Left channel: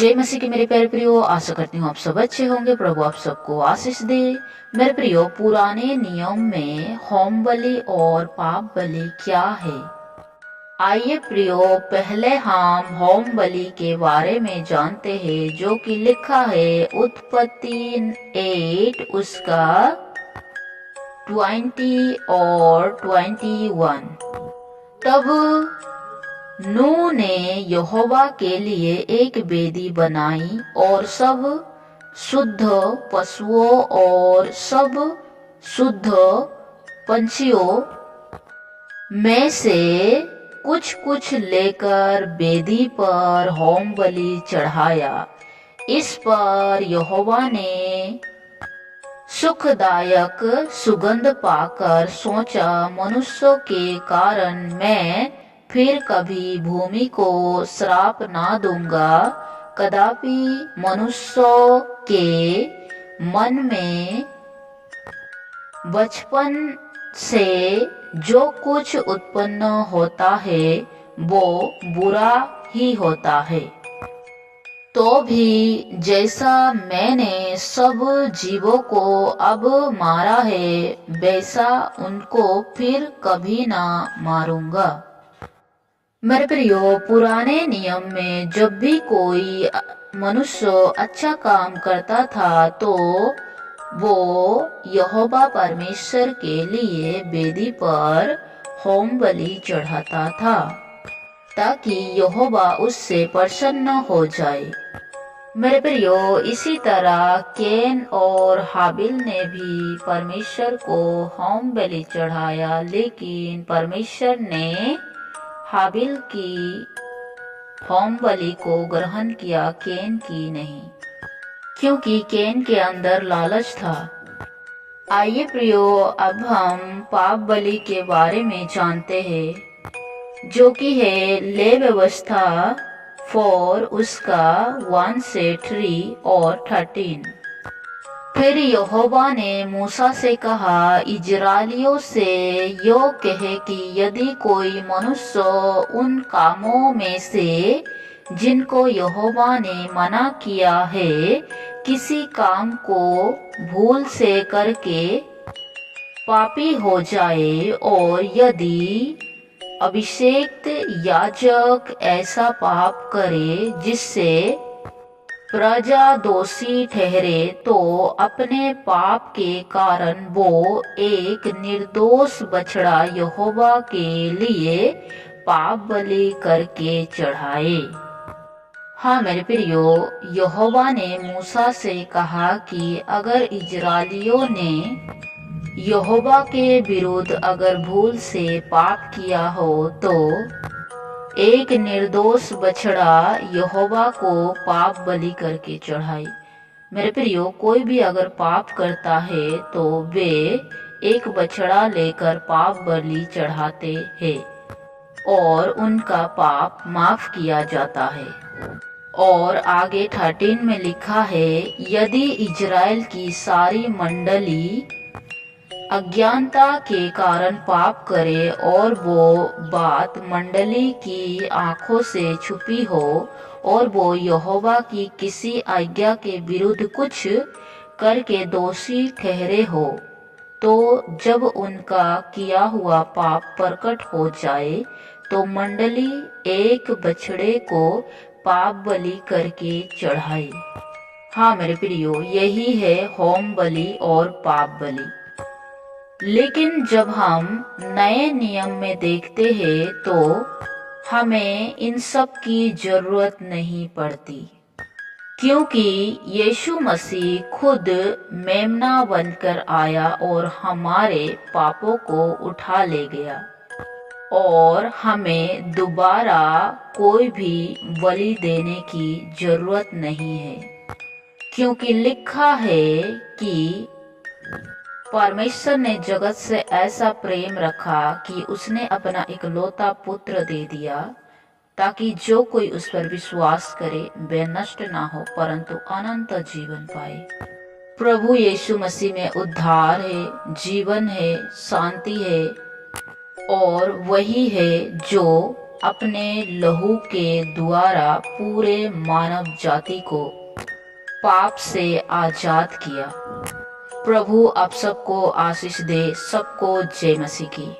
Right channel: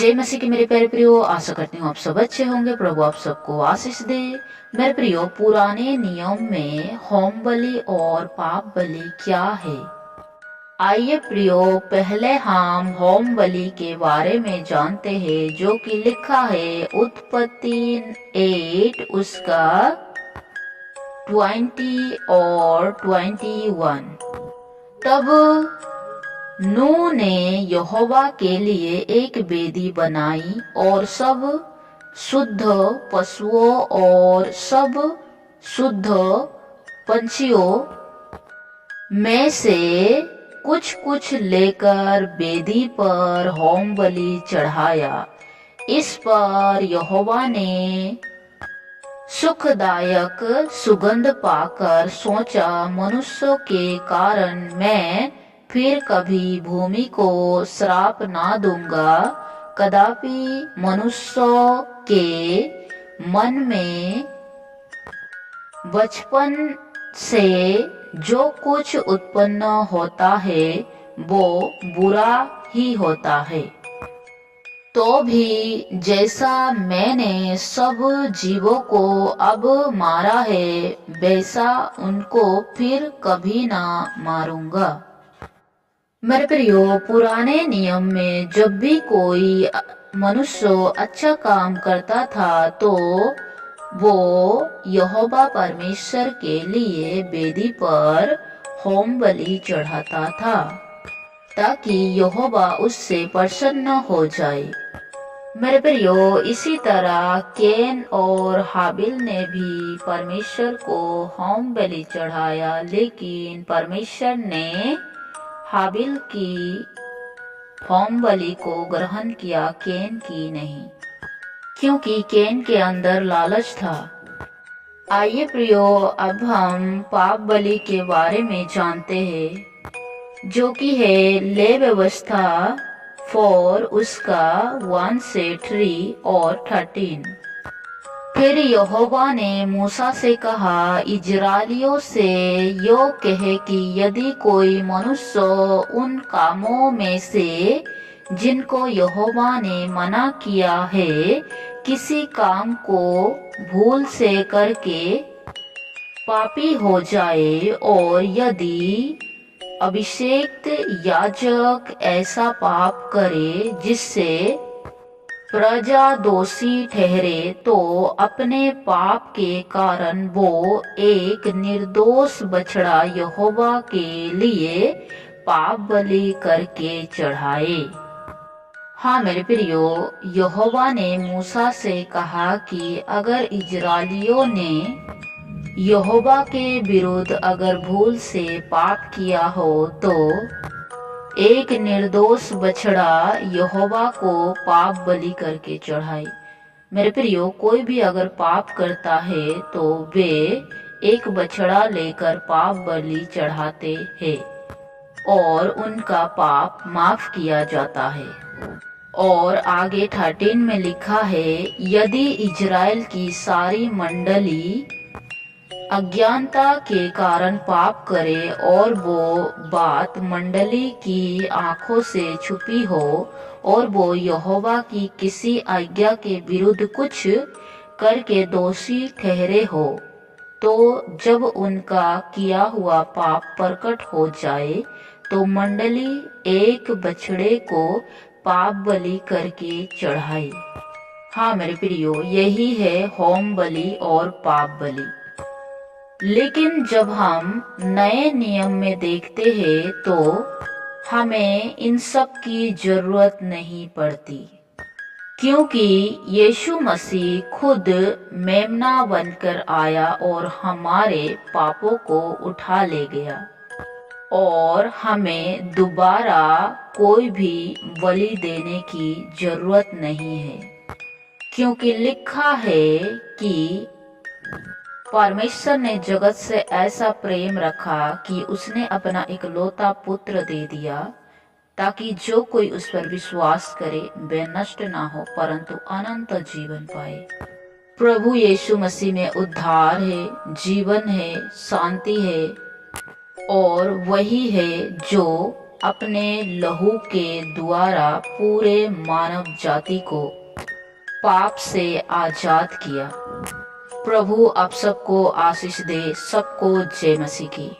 जय मसीह के मेरे प्यारे प्रियो, आशा करती हूँ आप सब अच्छे होंगे। प्रभु आप सबको आशीष दे। मेरे प्रियो, पुराने नियम में होम बलि और पाप बलि क्या है? आइए प्रियो, पहले हम होम बलि के बारे में जानते हैं, जो कि लिखा है उत्पत्ति 8 उसका 20 और 21। तब नूह ने यहोवा के लिए एक वेदी बनाई और सब शुद्ध पशुओं और सब शुद्ध पंछियों में से कुछ कुछ लेकर वेदी पर होम बलि चढ़ाया। इस पर यहोवा ने सुखदायक सुगंध पाकर सोचा, मनुष्यों के कारण मैं फिर कभी भूमि को श्राप ना दूंगा। कदापि मनुष्यों के मन में बचपन से जो कुछ उत्पन्न होता है वो बुरा ही होता है। तो भी जैसा मैंने सब जीवों को अब मारा है, वैसा उनको फिर कभी ना मारूंगा। मेरे प्रियो, पुराने नियम में जब भी कोई मनुष्य अच्छा काम करता था तो वो यहोवा परमेश्वर के लिए वेदी पर होम बलि चढ़ाता था, ताकि यहोवा उससे प्रसन्न हो जाए। मेरे प्रियो, इसी तरह कैन और हाबिल ने भी परमेश्वर को होम बलि चढ़ाया, लेकिन परमेश्वर ने हाबिल की होम बलि को ग्रहण किया, कैन की नहीं, क्योंकि कैन के अंदर लालच था। आइए प्रियो, अब हम पाप बलि के बारे में जानते हैं, जो कि है ले व्यवस्था 4 उसका 1 से 3 और 13। फिर यहोवा ने मूसा से कहा, इजराइलियों से यो कहे कि यदि कोई मनुष्य उन कामों में से जिनको यहोवा ने मना किया है, किसी काम को भूल से करके पापी हो जाए, और यदि अभिषेक्त याजक ऐसा पाप करे जिससे प्रजा दोषी ठहरे, तो अपने पाप के कारण वो एक निर्दोष बछड़ा यहोवा के लिए पाप बलि करके चढ़ाए। हाँ मेरे प्रियो, यहोवा ने मूसा से कहा कि अगर इजराइलियों ने यहोवा के विरुद्ध अगर भूल से पाप किया हो तो एक निर्दोष बछड़ा यहोवा को पाप बलि करके चढ़ाए। मेरे प्रियो, कोई भी अगर पाप करता है तो वे एक बछड़ा लेकर पाप बलि चढ़ाते हैं और उनका पाप माफ किया जाता है। और आगे 13 में लिखा है, यदि इजराइल की सारी मंडली अज्ञानता के कारण पाप करे और वो बात मंडली की आंखों से छुपी हो और वो यहोवा की किसी आज्ञा के विरुद्ध कुछ करके दोषी ठहरे हो, तो जब उनका किया हुआ पाप प्रकट हो जाए तो मंडली एक बछड़े को पाप बलि करके चढ़ाए। हाँ मेरे प्रियो, यही है होम बलि और पाप बलि। लेकिन जब हम नए नियम में देखते हैं तो हमें इन सब की जरूरत नहीं पड़ती, क्योंकि यीशु मसीह खुद मेमना बनकर आया और हमारे पापों को उठा ले गया, और हमें दोबारा कोई भी बलि देने की जरूरत नहीं है, क्योंकि लिखा है कि परमेश्वर ने जगत से ऐसा प्रेम रखा कि उसने अपना इकलौता पुत्र दे दिया, ताकि जो कोई उस पर विश्वास करे वे नष्ट ना हो परंतु अनंत जीवन पाए। प्रभु यीशु मसीह में उद्धार है, जीवन है, शांति है, और वही है जो अपने लहू के द्वारा पूरे मानव जाति को पाप से आजाद किया। प्रभु आप सबको आशीष दे। सबको जय मसीह की।